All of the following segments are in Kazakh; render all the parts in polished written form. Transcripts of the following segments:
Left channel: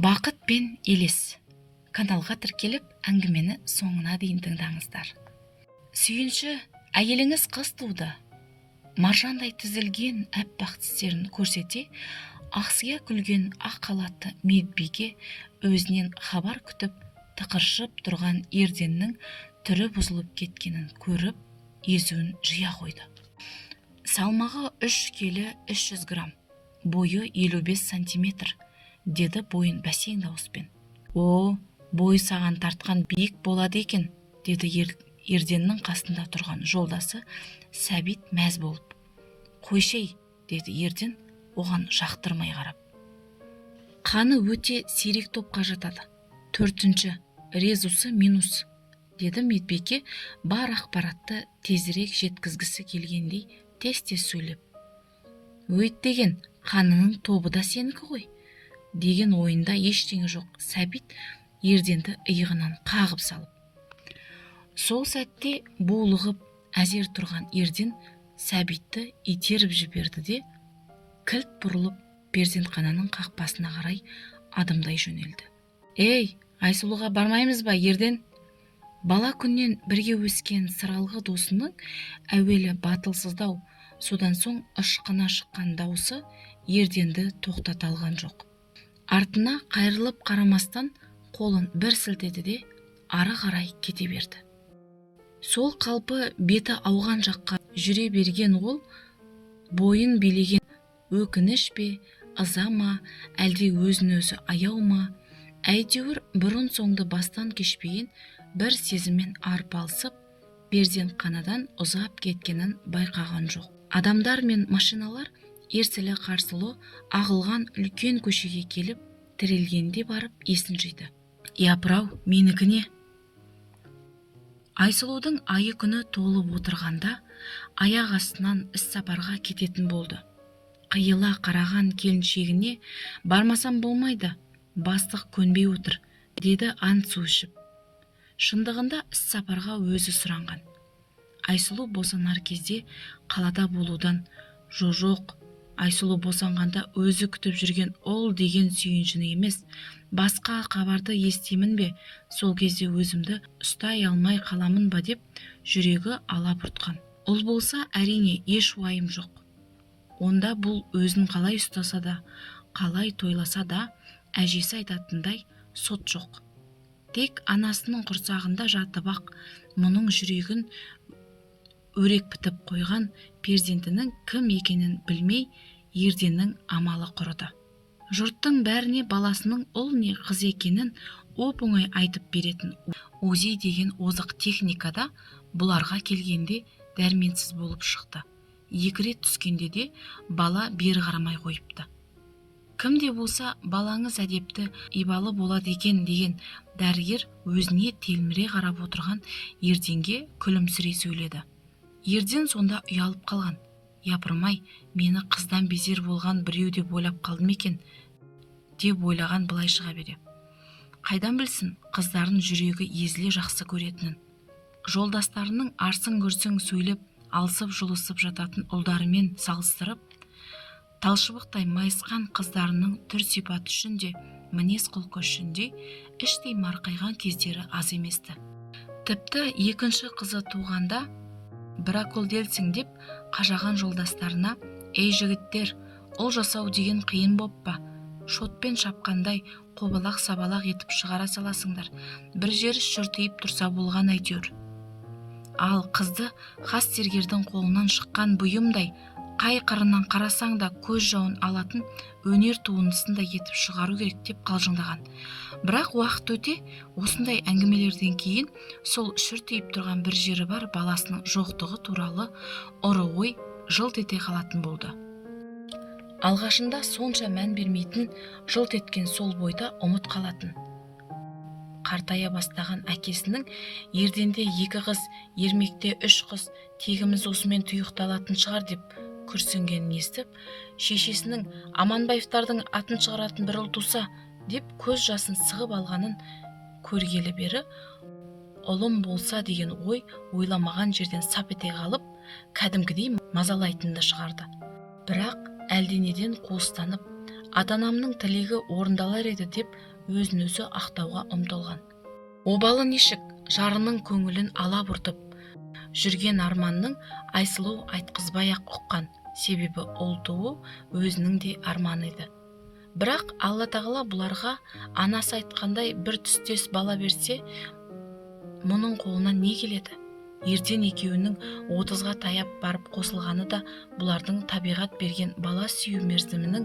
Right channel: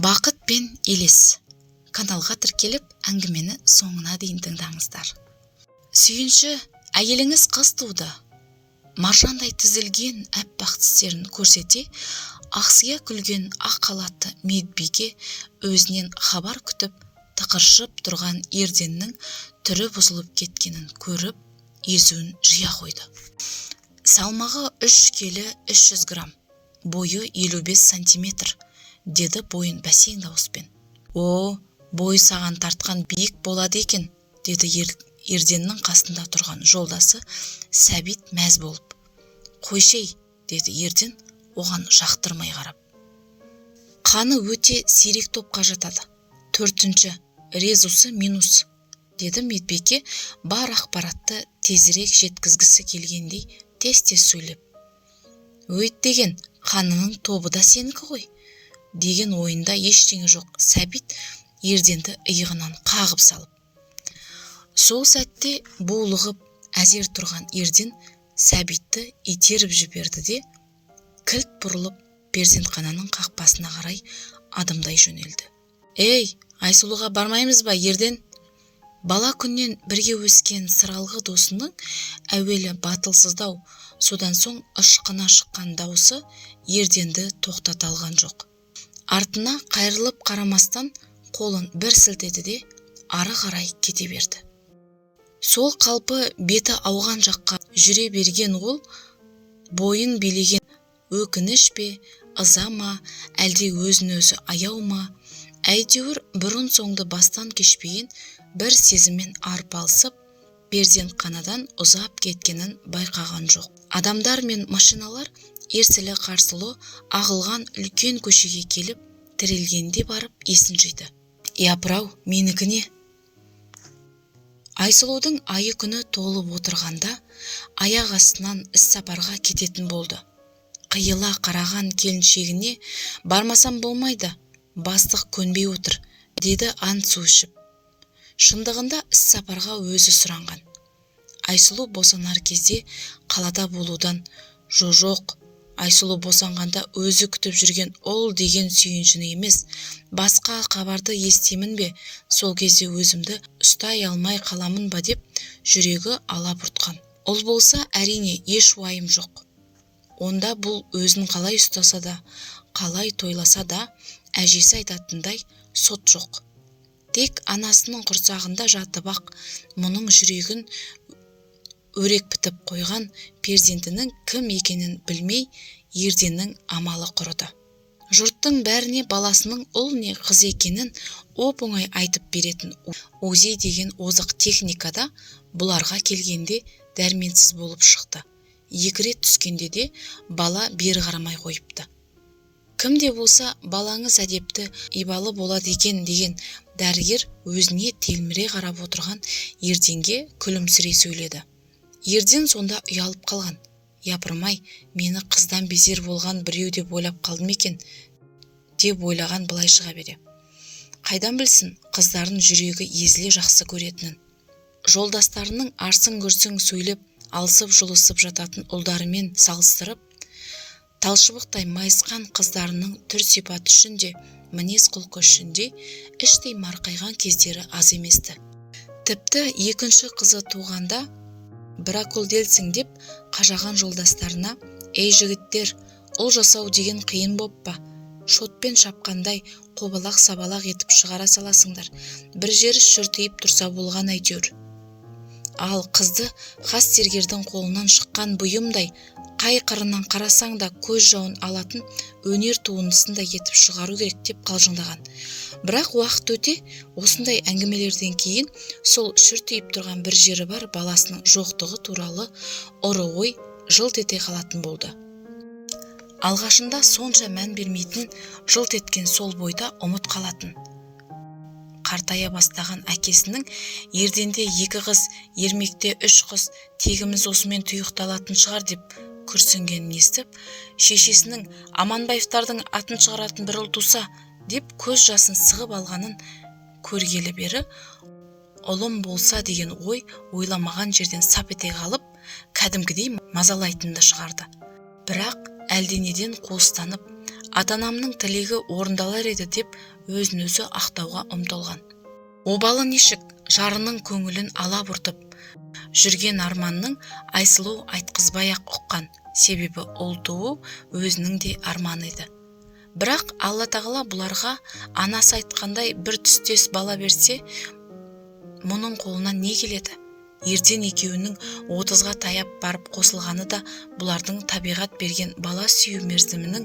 Бақыт пен елес. Каналға тіркеліп, әңгімені соңына дейін тыңдаңыздар. Сүйінші, әйеліңіз қыз туды. Маржандай тізілген әппақ тістерін көрсете, ақсия күлген ақ халатты медбике өзінен хабар күтіп, тықыршып тұрған Ерденнің түрі бұзылып кеткенін көріп, езуін жия қойды. Салмағы 3 келі 300 грамм, бойы 55 сантиметр, деді бойын бәсең дауыспен. О, бойы саған тартқан биік болады екен, деді Ерденнің қасында тұрған жолдасы Сәбит мәз болып. Қойшей, деді Ерден оған жақтырмай қарап. Қаны өте сирек топқа жатады. 4-ші резусы минус, деді медбике бар ақпаратты тезірек жеткізгісі келгендей тез-тез сөйлеп. Өйт деген, қанының тобы да сенікі ғой, деген ойында ештеңе жоқ. Сәбит Ерденді иығынан қағып салып. Сол сәтте булығып әзер тұрған Ерден Сәбитті итеріп жіберді де, кілт бұрылып перзентхананың қақпасына қарай адымдай жөнелді. Ей, Айсұлуға бармаймыз ба, Ерден? Бала күннен бірге өскен сыралғы досының әуелі батылсыздау, содан соң ышқына шыққан даусы Ерденді тоқтата алған жоқ. Артына қайрылып қарамастан қолын бір сілтеді де ары қарай кете берді. Сол қалпы беті ауған жаққа жүре берген ол, бойын билеген өкініш пе, ыза ма, әлде өзін-өзі аяу ма, әйтеуір бұрын соңды бастан кешпеген бір сезіммен арпалысып, перзентханадан ұзап кеткенін байқаған жоқ. Адамдар мен машиналар ерсілі-қарсылы ағылған үлкен көшеге келіп, тірелгенде барып есін жиды. Япырау, менікі не? Айсұлудың айы күні толып отырғанда, аяқ астынан іс-сапарға кететін болды. Қиыла қараған келіншегіне бармасам болмайды, бастық көнбей отыр, деді ант су ішіп. Шындығында іс-сапарға өзі сұранған. Айсұлу босанар кезде қалада болудан, жоқ, Айсұлу босанғанда өзі күтіп жүрген ол деген сүйіншіні емес, басқа хабарды естимін бе, сол кезде өзімді ұстай алмай қаламын ба деп жүрегі алабұртқан. Ол болса әрине еш уайым жоқ. Онда бұл өзін қалай ұстаса да, қалай тойласа да, әжесі айтатындай сот жоқ. Тек анасының құрсағында жатып-ақ мұның жүрегін өрек бітіп қойған перзентінің кім екенін білмей, Ерденнің амалы құрыды. Жұрттың бәріне баласының ұл не қыз екенін оп-оңай айтып беретін УЗИ деген озық техникада бұларға келгенде дәрменсіз болып шықты. 2 рет түскенде де бала бері қарамай қойыпты. Кім де болса балаңыз әдепті, ибалы болады екен деген дәрігер өзіне телміре қарап отырған Ерденге күлімсірей сөйледі. Ерден сонда ұялып қалған. Япырмай, мені қыздан безер болған біреу деп ойлап қалдым екен, деп ойлаған былай шыға бере. Қайдан білсін, қыздарын жүрегі езіле жақсы көретінін. Жолдастарының арсың-гүрсің сөйлеп, алысып-жұлысып жататын ұлдарымен салыстырып, талшыбықтай майысқан қыздарының түр-сипаты үшін де, мінез-құлқы үшін де іштей марқайған кездері аз еместі. Тіпті 2-ші қызы туғанда біракүлделсің деп қажаған жолдастарына, ей жігіттер, ұл жасау деген қиын боп па? Шотпен шапқандай қобалақ-сабалақ етіп шығара саласыңдар. Бір жері шүртейіп тұрса болған әйтеуір. Ал қызды хас сергердің қолынан шыққан бұйымдай, қай қырынан қарасаң да көз жауын алатын өнер туындысында етіп шығару керек деп қалжыңдаған. Бірақ уақыт өте, осындай әңгімелерден кейін сол шүртейіп тұрған бір жері бар баласының жоқтығы туралы ұры ой жылт ете қалатын болды. Алғашында сонша мән бермейтін жылт еткен сол бойда ұмыт қалатын. Қартая бастаған әкесінің Ерденде 2 қыз, Ермекте 3 қыз, тегіміз осымен тұйықталатын шығар деп күрсінгенін естіп, шешесінің Аманбаевтардың атын шығаратын бір ұл туса деп көз жасын сығып алғанын көргелі бері, ұлым болса деген ой ойламаған жерден сап ете қалып, кәдімгідей мазалайтынды шығарды. Бірақ әлденеден қуыстанып, ата-анамның тілегі орындалар еді деп өзін өзі ақтауға ұмтылған. Обалы нешік жарының көңілін ала бұртып жүрген арманның Айсұлу айтқызбай-ақ ұққан, себебі ұл туу өзінің де арманы еді. Бірақ Алла тағала бұларға анасы айтқандай бір түстес бала берсе, мұның қолынан не келеді? Ертең екеуінің 30-ға таяп барып қосылғаны да бұлардың табиғат берген бала сүю мерзімінің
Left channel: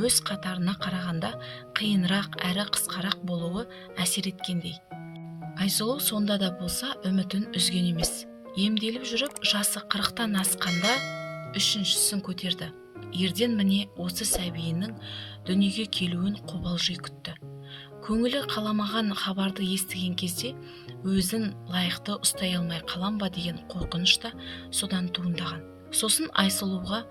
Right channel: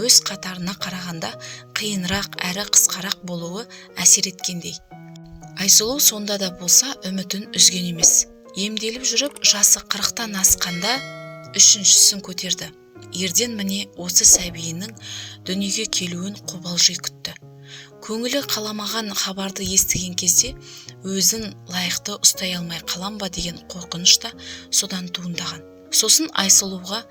өз қатарына қарағанда қиынырақ әрі қысқарақ болуы әсер еткендей. Айсұлу сонда да болса үмітін үзген емес. Емделіп жүріп жасы 40-тан асқанда үшіншісін көтерді. Ерден міне осы сәбиінің дүниеге келуін қобалжи күтті. Көңілі қаламаған хабарды естіген кезде өзін лайықты ұстай алмай қалам ба деген қорқыныш та содан туындаған. Сосын Айсұлуға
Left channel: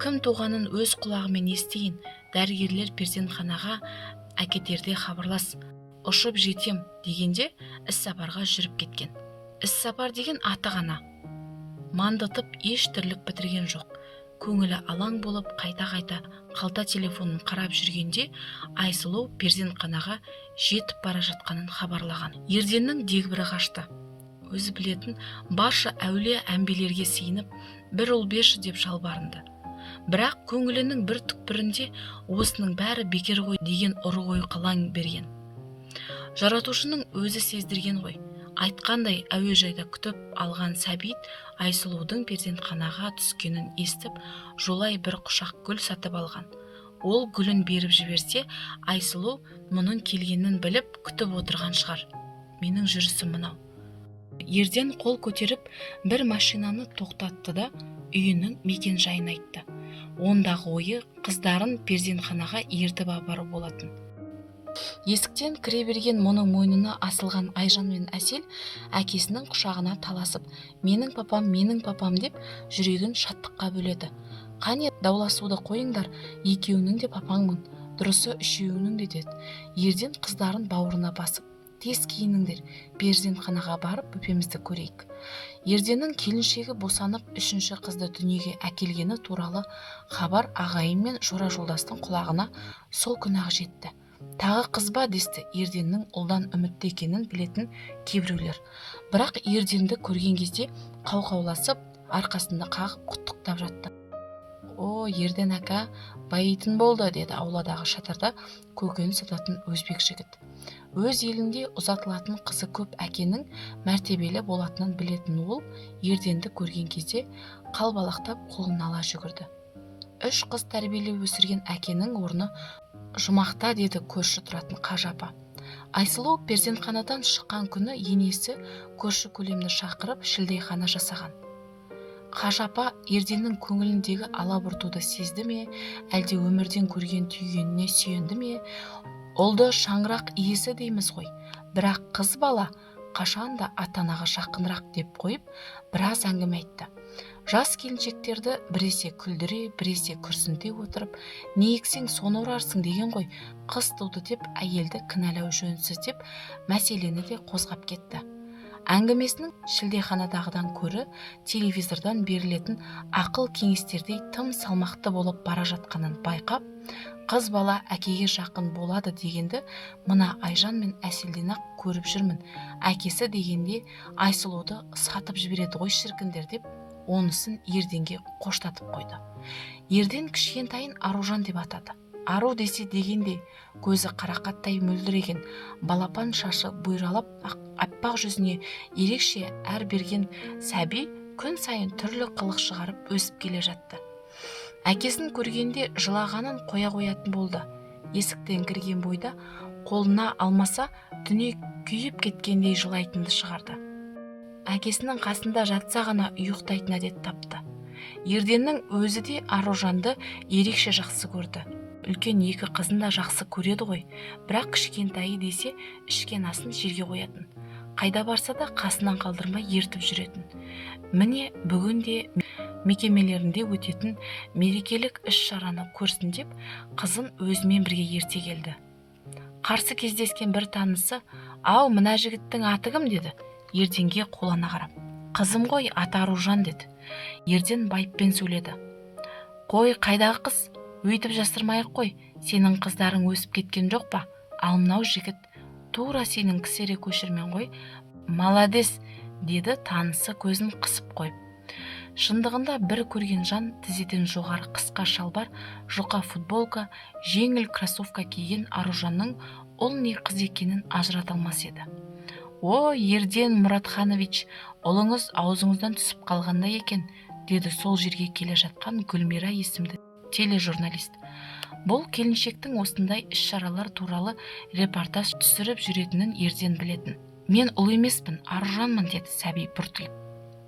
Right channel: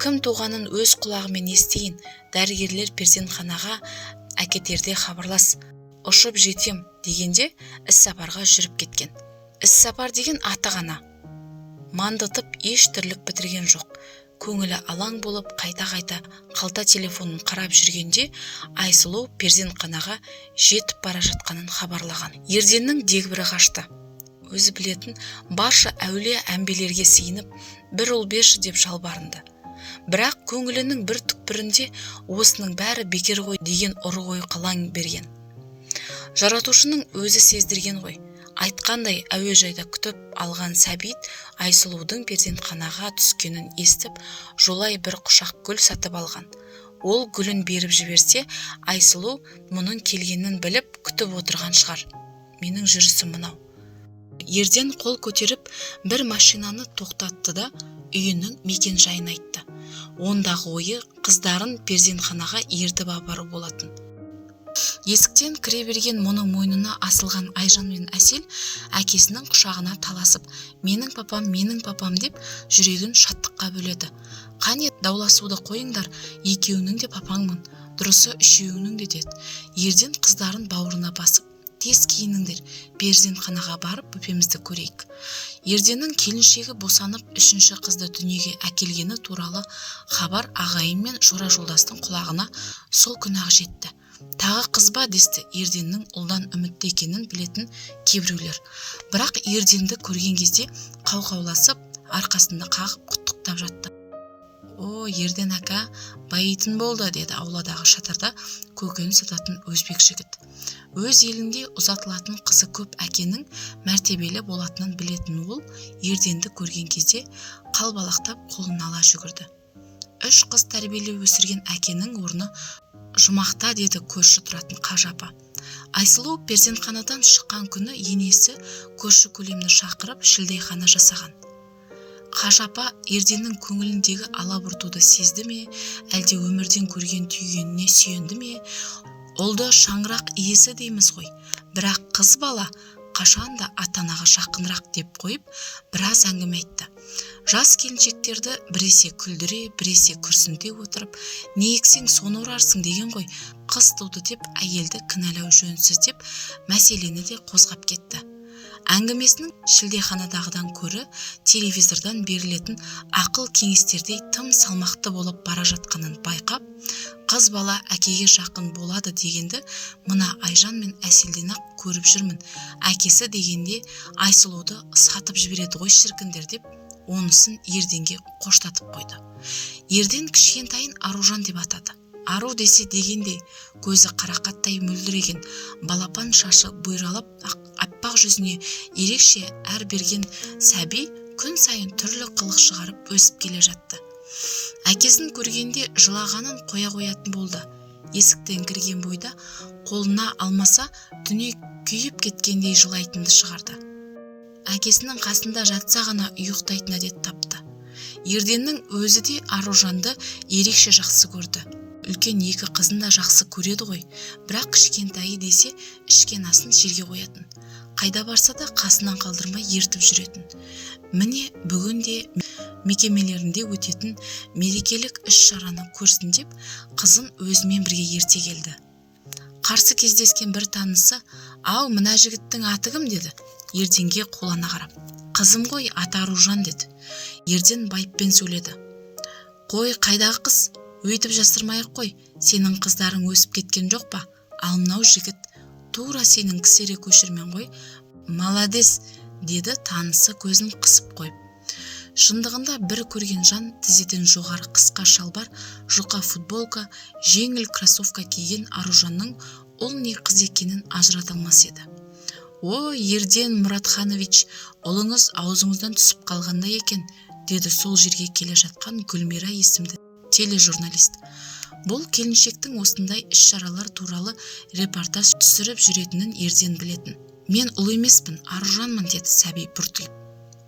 кім туғанын өз құлағымен естейін, дәрігерлер перзентханаға әкетерде хабарлас, ұшып жетем дегенде іссапарға жүріп кеткен. Іссапар деген аты ғана. Мандытып еш тірлік бітірген жоқ. Көңілі алаң болып қайта-қайта қалта телефонын қарап жүргенде Айсұлу перзентханаға жетіп бара жатқанын хабарлаған. Ерденнің дегбірі қашты. Өзі білетін барша әулие әмбелерге сиынып, бір ұл берші деп жалбарынды. Бірақ көңілінің бір түкпірінде осының бәрі бекер ғой деген ұры ой қалаң берген. Жаратушының өзі сездірген ғой. Айтқандай әуежайда күтіп алған сәбит Айсұлудың перзентханаға түскенін естіп, жолай бір құшақ гүл сатып алған. Ол гүлін беріп жіберсе, Айсұлу мұның келгенін біліп күтіп отырған шығар. Менің жүрісім мынау. Ерден қол көтеріп бір машинаны тоқтатты да үйінің мекен-жайын айтты. Ондағы ойы қыздарын перзентханаға ертіп апару болатын. Есіктен кіре берген мұның мойнына асылған Айжан мен Әсел әкесінің құшағына таласып, менің папам деп жүрегін шаттыққа бөледі. Қане дауласуды қойыңдар, екеуінің де папаңмын, дұрысы үшеуінің де деді. Ерден қыздарын бауырына басып, тез киініңдер, перзентханаға барып бөпемізді көрейік. Ерденнің келіншегі босанып үшінші қызды дүниеге әкелгені туралы хабар ағайын мен жора жолдастың құлағына сол күні-ақ жетті. Тағы қыз ба десті Ерденнің ұлдан үмітті екенін білетін кейбіреулер. Бірақ Ерденді көрген кезде қауқауласып, арқасында қағып құттықтап жатты. О, Ерден ака, байитын болды, деді ауладағы шатырда көкөніс сататын өзбек жігіт. Өз елінде ұзатылатын қызы көп әкенің мәртебелі болатынын білетін ол Ерденді көрген кезде қалбалақтап қолын ала жүгірді. 3 қыз тәрбиелеп өсірген әкенің орны жұмақта, деді көрші тұратын Қажапа. Айсұлу перзентханадан шыққан күні енесі көрші көлемді шақырып шілдехана жасаған. Қажапа Ерденнің көңіліндегі алабұртуды сезді ме, әлде өмірден көрген түйгеніне сүйенді ме? Ұлды шаңырақ иесі дейміз ғой, бірақ қыз бала қашанда ата-анаға жақынырақ деп қойып, біраз әңгіме айтты. Жас келіншектерді біресе күлдіре, біресе күрсінте отырып, не ексең соны орарсың деген ғой, қыз туды деп әйелді кінәлау жөнсіз деп мәселені де қозғап кетті. Әңгімесінің шілдеханадағыдан көрі телевизордан берілетін ақыл кеңестердей тым салмақты болып бара жатқанын байқап, қыз бала әкеге жақын болады дегенді мына Айжан мен Әселден-ақ көріп жүрмін. Әкесі дегенде Айсұлуды сатып жібереді ғой шіркіндер деп, онысын Ерденге қоштатып қойды. Ерден кішкентайын Аружан деп атады. Ару десе дегендей, көзі қарақаттай мөлдіреген, балапан шашы бұйралап аппақ жүзіне ерекше әр берген сәби күн сайын түрлі қылық шығарып өсіп келе жатты. Әкесін көргенде жылағанын қоя қоятын болды. Есіктен кірген бойда қолына алмаса дүние күйіп кеткендей жылайтынды шығарды. Әкесінің қасында жатса ғана ұйықтайтын әдет тапты. Ерденнің өзі де Аружанды ерекше жақсы көрді. Үлкен 2 қызын да жақсы көреді ғой, бірақ кішкентайы десе ішкен асын жерге қоятын. Қайда барса да қасынан қалдырмай ертіп жүретін. Міне бүгін де мекемелерінде өтетін мерекелік іс-шараны көрсін деп, қызын өзімен бірге ерте келді. Қарсы кездескен бір танысы, "Ау, мына жігіттің аты кім?" деді. Ерденге қолана қарап. "Қызым ғой, аты Аружан" деді. Ерден байыппен сөйледі. "Қой, қайдағы қыз? Өйтіп жасырмайық қой, сенің қыздарың өсіп кеткен жоқ па? Ал мынау жігіт тура сенің кісіре көшірмен ғой, маладес, деді танысы көзін қысып қойып. Шындығында бір көрген жан тізеден жоғары қысқа шалбар, жұқа футболка, жеңіл кроссовка киген Аружанның ұл не қыз екенін ажырата алмас еді. О, Ерден Мұратханович, ұлыңыз аузыңыздан түсіп қалғандай екен, деді сол жерге келе жатқан Гүлмира есімді тележурналист. Бұл келіншектің осындай іс-шаралар туралы репортаж түсіріп жүретінін Ерден білетін. Мен ұл емеспін, Аружанмын, деді сәби бүртіліп.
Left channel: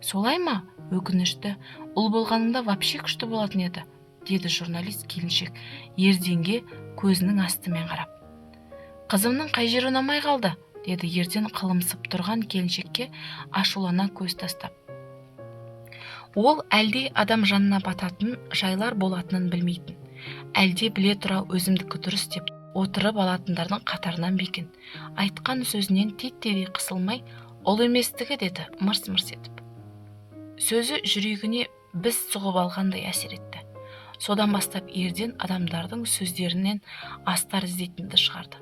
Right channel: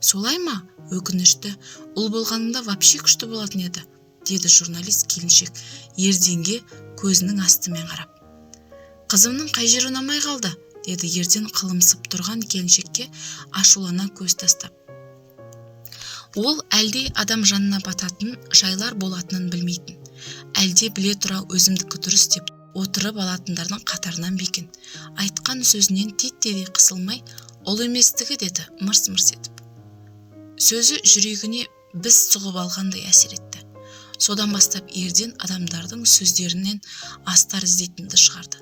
Солай ма? Өкінішті, ұл болғаныңда вообще күшті болатын еді, деді журналист келіншек Ерденге көзінің астымен қарап. Қызымның қай жері ұнамай қалды, деді Ерден қылымсып тұрған келіншекке ашулана көз тастап. Ол әлде адам жанына бататын жайлар болатынын білмейтін. Әлде біле тұра өзімдікі дұрыс деп отырып алатындардың қатарынан бекен. Айтқан сөзінен титтей қысылмай, ол еместігі, деді мырс-мырс етіп. Сөзі жүрегіне біз сұғып алғандай әсер етті. Содан бастап Ерден адамдардың сөздерінен астар іздейтінді шығарды.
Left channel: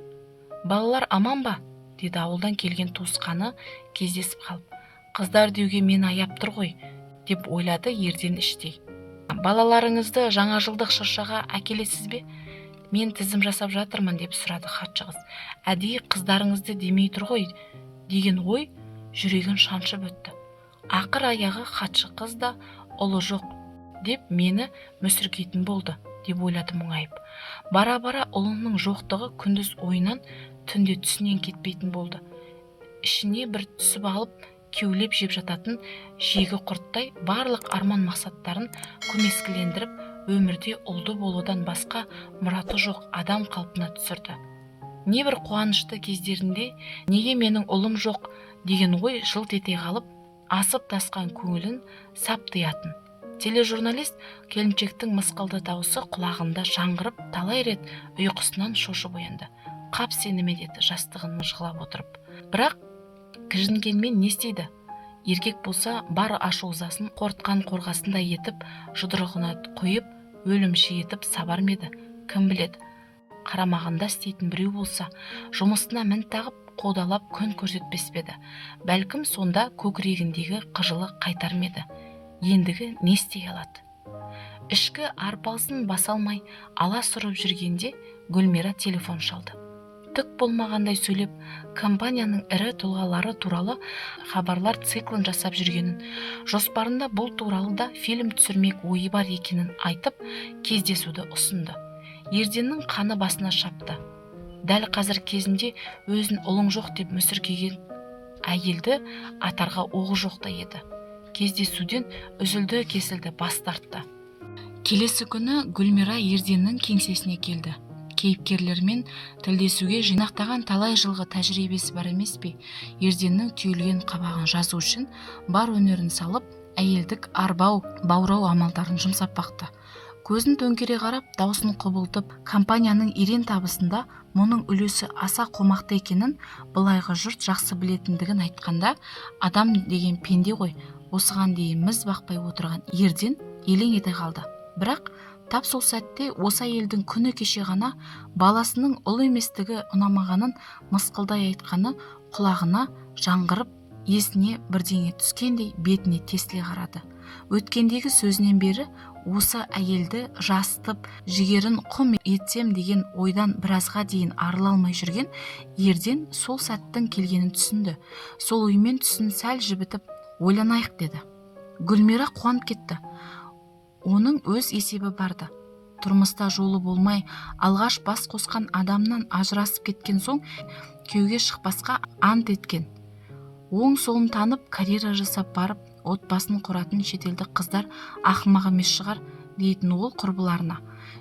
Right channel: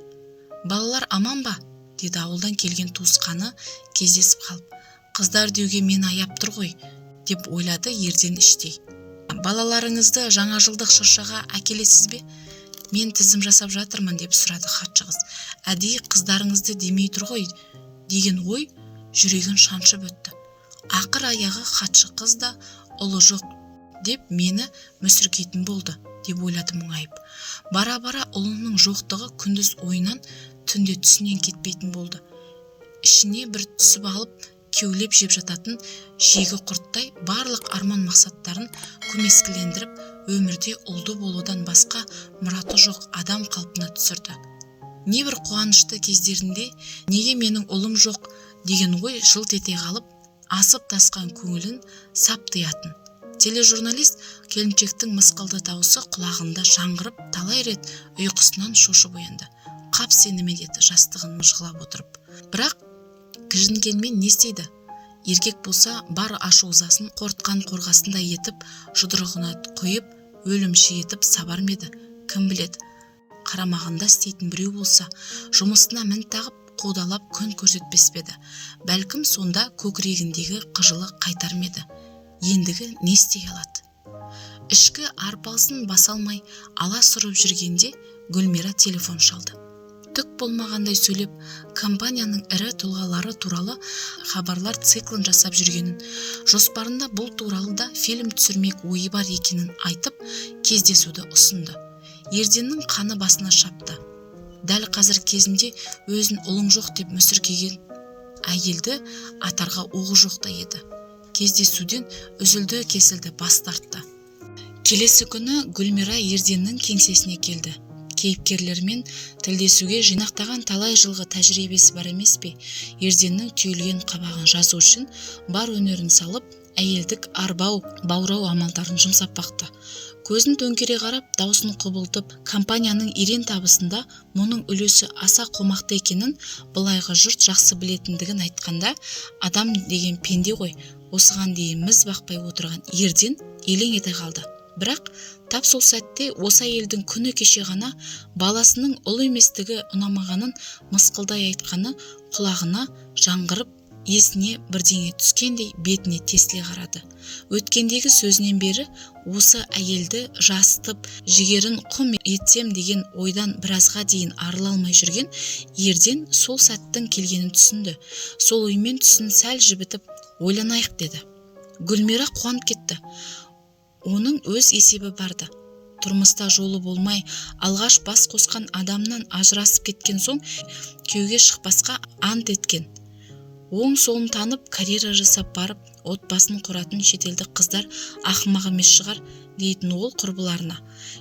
Балалар аман ба? Деді ауылдан келген туысқаны кездесіп қалып. Қыздар деуге мені аяп тұр ғой, деп ойлады Ерден іштей. Балаларыңызды жаңа жылдық шыршаға әкелесіз бе? Мен тізім жасап жатырмын, деп сұрады хатшы қыз. Әдейі қыздарыңызды демей тұр ғой, деген ой жүрегін шаншып өтті. Ақыр аяғы хатшы қыз да ұлы жоқ деп мені мүсіркейтін болды, деп ойлады мұңайып. Бара-бара ұлының жоқтығы күндіз ойынан, түнде түсінен кетпейтін болды. Ішіне бір түсіп алып, кеулеп жеп жататын жегі құрттай барлық арман мақсаттарын көмескілендіріп, өмірде ұлды болудан басқа мұраты жоқ адам қалпына түсірді. Небір қуанышты кездерінде неге менің ұлым жоқ деген ой жылт ете қалып, асып тасқан көңілін саптыятын. Тележурналист келіншектің мысқалды дауысы құлағында жаңғырып, талай рет ұйқысынан шошып оянды. Қап сеніме, деді жастығын мыжғылап отырып. Бірақ кіжінгенмен не істейді? Еркек болса бар ашу-ызасын қортқан қорғасындай етіп, жұдырығына қойып, өлімші етіп сабар ма еді? Кім біледі? Қарамағында істейтін біреу болса, жұмысына мін тағып, қодалап күн көрсетпес пе еді? Бәлкім сонда көкірегіндегі қыжылы қайтар ма еді? Ендігі не істей алады? Ішкі арпалысын баса алмай ала сұрып жүргенде Гүлмира телефон шалды. Түк болмағандай сөйлеп, компанияның ірі тұлғалары туралы хабарлар циклын жасап жүргенін, жоспарында бұл туралы да фильм түсірмек ойы бар екенін айтып, кездесуді ұсынды. Ерденнің қаны басына шапты. Дәл қазір кезінде өзін ұлың жоқ деп мүсіркеген әйелді атарға оғы жоқта еді. Кездесуден үзілді кесілді бас тартты. Келесі күні Гүлмира Ерденнің кеңсесіне келді. Кейіпкерлермен тілдесуге жинақтаған талай жылғы тәжірибесі бар емес пе? Ерденнің түйілген қабағын жазу үшін бар өнерін салып, әйелдік арбау, баурау амалдарын жұмсап бақты. Көзін төңкере қарап, даусын құбылтып, компанияның ерен табысында мұның үлесі аса қомақты екенін былайғы жұрт жақсы білетіндігін айтқанда, адам деген пенде ғой, осыған дейін міз бақпай отырған Ерден елең ете қалды. Бірақ тап сол сәтте осы әйелдің күні кеше ғана баласының ұл еместігі ұнамағанын мысқылдай айтқаны құлағына жаңғырып, есіне бірдеңе түскендей бетіне тесіле қарады. Өткендегі сөзінен бері осы әйелді жасытып, жігерін құм етсем деген ойдан біразға дейін арыла алмай жүрген Ерден сол сәттің келгенін түсінді. Сол оймен түсін сәл жібітіп, ойланайық деді. Гүлмира қуанып кетті. Оның өз есебі барды. Тұрмыста жолы болмай, алғаш бас қосқан адамнан ажырасып кеткен соң, күйеуге шықпасқа ант еткен. Оң солын танып, карьера жасап барып, отбасын құратын шетелдік қыздар ақымақ емес шығар, дейтін ол құрбыларына.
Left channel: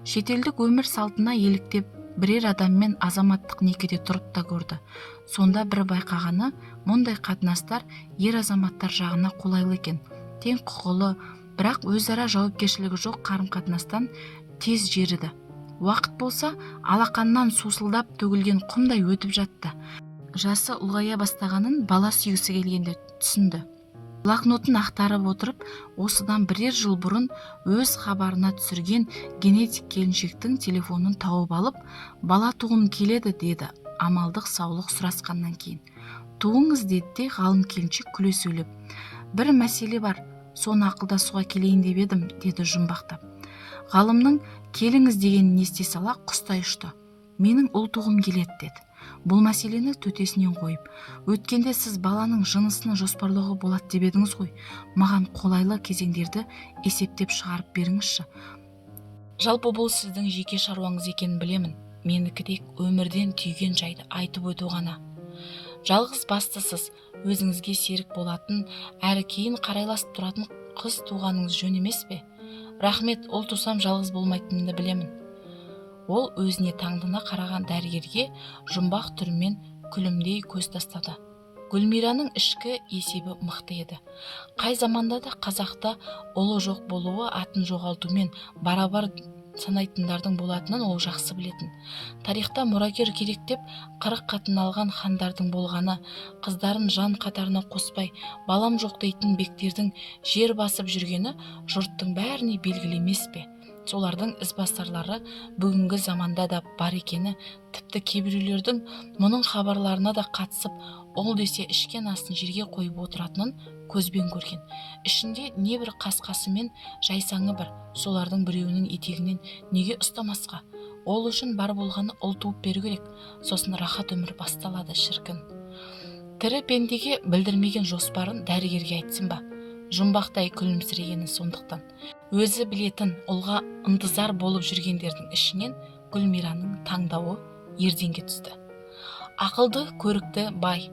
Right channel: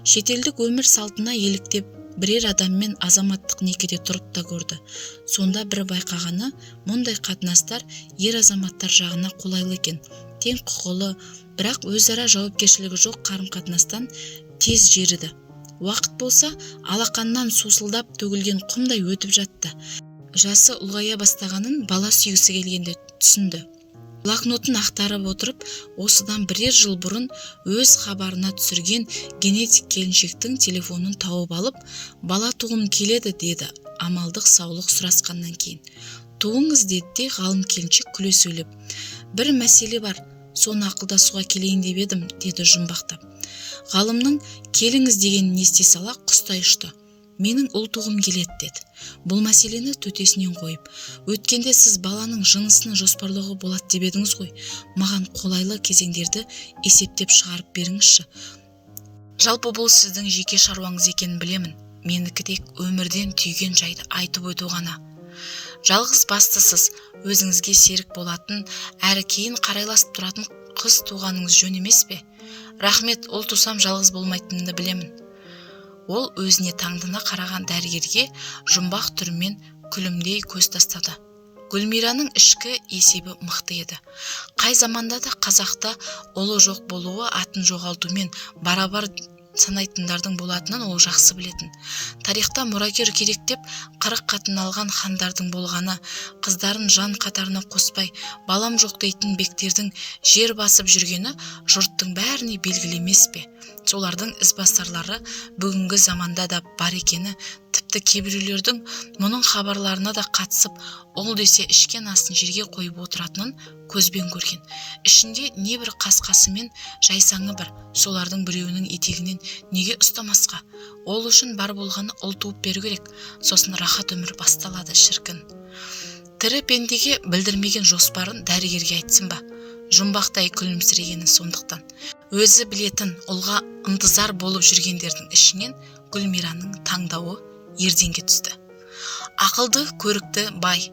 Шетелдік өмір салтына еліктеп, бірер адаммен азаматтық некеде тұрып та көрді. Сонда бір байқағаны, мұндай қатынастар ер азаматтар жағына қолайлы екен. Тең құқылы, бірақ өзара жауапкершілігі жоқ қарым-қатынастан тез жеріді. Уақыт болса, алақаннан сусылдап төгілген құмдай өтіп жатты. Жасы ұлғая бастағанын бала сүйгісі келгенде түсінді. блокнотын ақтарып отырып, осыдан бірер жыл бұрын өз хабарына түсірген генетик келіншектің телефонын тауып алып, бала туғым келеді деді амалдық саулық сұрасқаннан кейін. Туыңыз деді де ғалым келіншек күле сөйлеп. Бір мәселе бар, соны ақылдасуға келейін деп едім, деді жұмбақтап. Ғалымның келіңіз дегенін ести сала құстай ұшты. Менің ұл туғым келеді деді. Бұл мәселені төтесінен қойып, өткенде сіз баланың жынысını жоспарлауға болады деп едіңіз ғой. Маған қолайлы кезеңдерді есептеп шығарып беріңізші. Жалпы бұл сіздің жеке шаруаңыз екенін білемін. Менікі тек өмірден түйген жайды айтып өту ғана. Жалғыз бастысыз, өзіңізге серік болатын, әрі кейін қарайласып тұратын қыз туғаныңыз жөн емес пе? Рахмет, ұл тусам жалғыз болмайтынымды білемін. Ол өзіне таңдана қараған дәрігерге жұмбақ түрмен күлімдей көз тастады. Гүлмираның ішкі есебі мықты еді. Қай заманда да қазақта ұлы жоқ болуы атын жоғалтумен барабар санайтындардың болатынын ол жақсы білетін. Тарихта мұрагер керек деп 40 қатын алған хандардың болғаны, қыздарын жан қатарына қоспай, балам жоқ дейтін бектердің жер басып жүргені жұрттың бәріне белгілі емес пе? Солардың ізбасарлары бүгінгі заманда да бар екені, тіпті кейбіреулердің мұның хабарларына да қатысып, ол десе ішкен асын жерге қойып отыратынын көзбен көрген. Ішінде небір қасқасы мен жайсаңы бір, солардың біреуінің етегінен неге ұстамасқа? Ол үшін бар болғаны ұл туып беру керек, сосын рахат өмір басталады шіркін. Тірі пендеге білдірмеген жоспарын дәрігерге айтсын ба? Жұмбақтай күлімсірегені сондықтан. Өзі білетін ұлға ынтызар болып жүргендердің ішінен Гүлмираның таңдауы Ерденге түсті. Ақылды, көрікті, бай,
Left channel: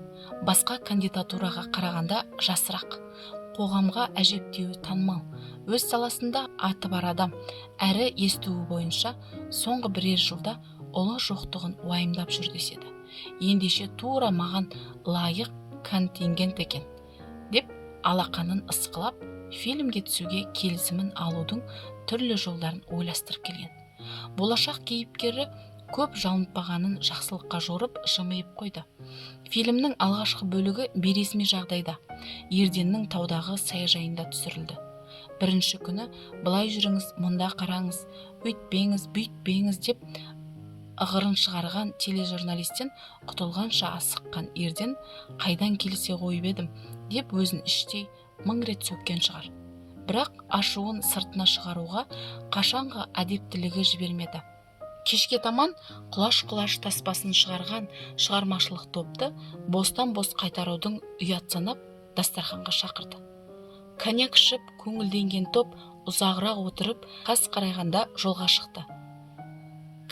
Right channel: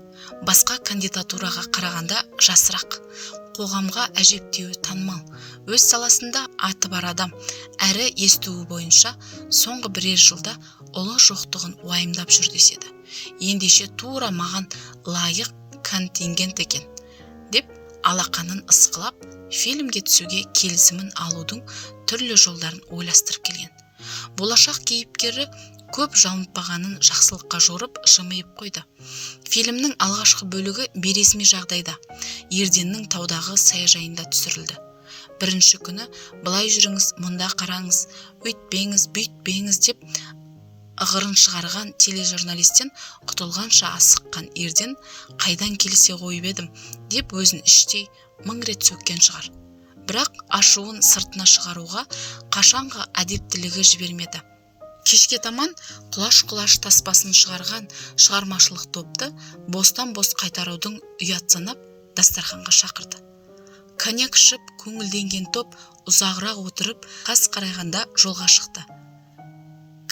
басқа кандидатураға қарағанда жасырақ, қоғамға әжептеуі танымал, өз саласында аты бар адам, әрі естуі бойынша соңғы бірер жылда ұлы жоқтығын уайымдап жүр деседі. Ендеше тура маған лайық контингент екен, деп алақанын ысқылап, фильмге түсуге келісімін алудың түрлі жолдарын ойластырып келген. Болашақ кейіпкері көп жалынтпағанын жақсылыққа жорып жымиып қойды. Фильмнің алғашқы бөлігі бейресми жағдайда Ерденнің таудағы саяжайында түсірілді. Бірінші күні былай жүріңіз, мұнда қараңыз, өйтпеңіз, бүйтпеңіз деп ығырын шығарған тележурналистен құтылғанша асыққан Ерден қайдан келсе қойып едім деп өзін іштей мың рет сөккен шығар. Бірақ ашуын сыртына шығаруға қашанғы әдептілігі жібермеді. Кешке таман құлаш-құлаш таспасын шығарған шығармашылық топты бостан-бос қайтарудың ұят санап дастарханға шақырды. Коньяк ішіп көңілденген топ ұзағырақ отырып қас қарайғанда жолға шықты.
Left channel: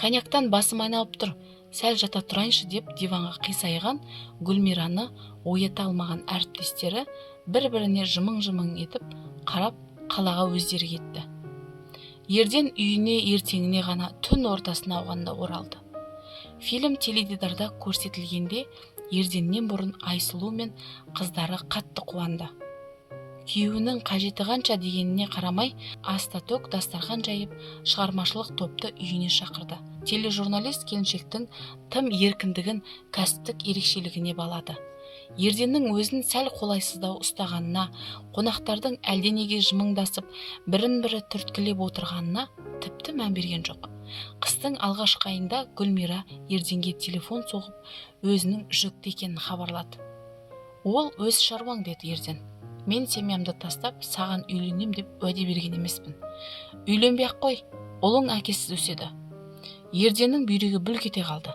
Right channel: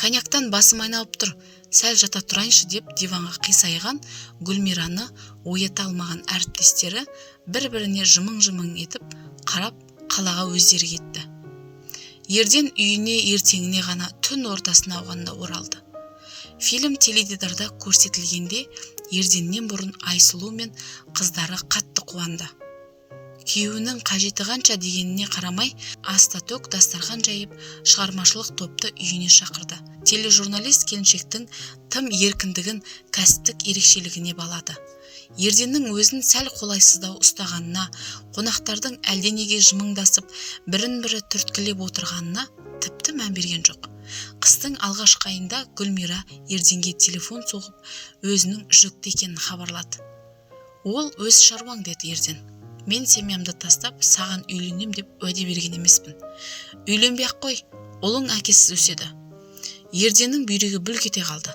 Коньяктан басым айналып тұр, сәл жата тұрайыншы деп диванға қисайған Гүлмираны оята алмаған әріптестері бір-біріне жымың-жымың етіп қарап қалаға өздері кетті. Ерден үйіне ертеңіне ғана түн ортасына ауғанда оралды. Фильм теледидарда көрсетілгенде Ерденнен бұрын Айсұлу мен қыздары қатты қуанды. Күйеуінің қажеті қанша дегеніне қарамай, аста-төк дастархан жайып, шығармашылық топты үйіне шақырды. Тележурналист келіншектің тым еркіндігін кәсіптік ерекшелігіне балады. Ерденнің өзін сәл қолайсыздау ұстағанына, қонақтардың әлденеге жымыңдасып, бірін-бірі түрткілеп отырғанына тіпті мән берген жоқ. Қыстың алғашқы айында Гүлмира Ерденге телефон соғып, өзінің жүкті екенін хабарлады. Ол өз шаруаң, деді Ерден. Мен семьямды тастап, саған үйленем деп уәде берген емеспін. Үйленбей-ақ қой, ұлың әкесіз өседі. Ерденнің бүйрегі бүлк ете қалды.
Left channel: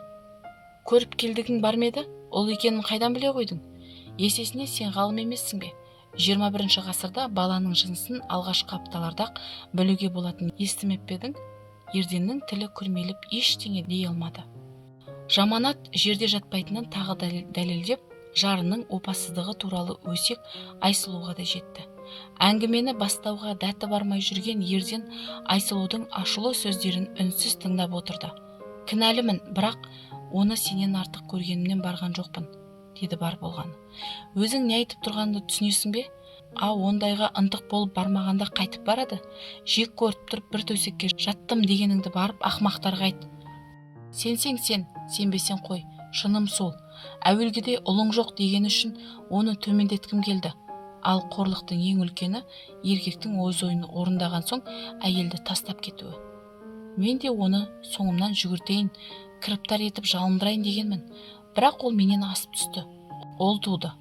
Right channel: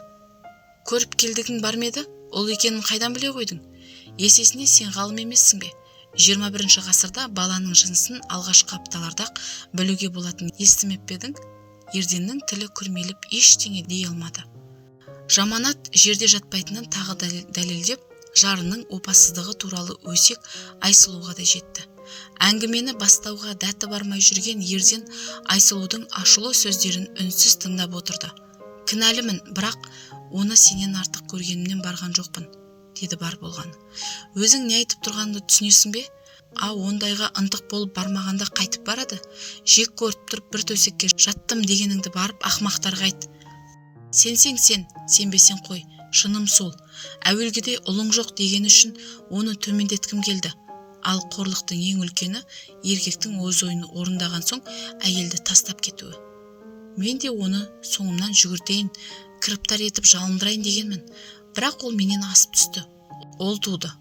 Көріп келдігің бар ма еді? Ол екенін қайдан біле қойдың? Есесіне сен ғалым емессің бе? 21 ғасырда баланың жынысын алғашқы апталарда-ақ білуге болатын естімеп пе едің? Ерденнің тілі күрмеліп ештеңе дей алмады. Жаманат жерде жатпайтынын тағы дәлелдеп, жарының опасыздығы туралы өсек Айсұлуға да жетті. Әңгімені бастауға дәті бармай жүрген Ерден Айсұлудың ашулы сөздерін үнсіз тыңдап отырды. Кінәлімін, бірақ оны сенен артық көргенімнен барған жоқпын, деді бар болғаны. Өзің не айтып тұрғанды түсінесің бе? Ондайға ынтық болып бармағанда қайтып барады. Жек көріп тұрып бір төсекке жаттым дегеніңді барып ақмақтарға айт. Сенсең сен, сенбесең қой. Шыным сол. Әуелгіде ұлың жоқ деген үшін оны төмендеткім келді. ал қорлықтың ең үлкені еркектің өз ойын орындаған соң әйелді тастап кетуі. Мен де оны соңымнан жүгіртейін, кіріптар етіп жалындырайын дегенмін, бірақ ол менен асып түсті. Ол туды.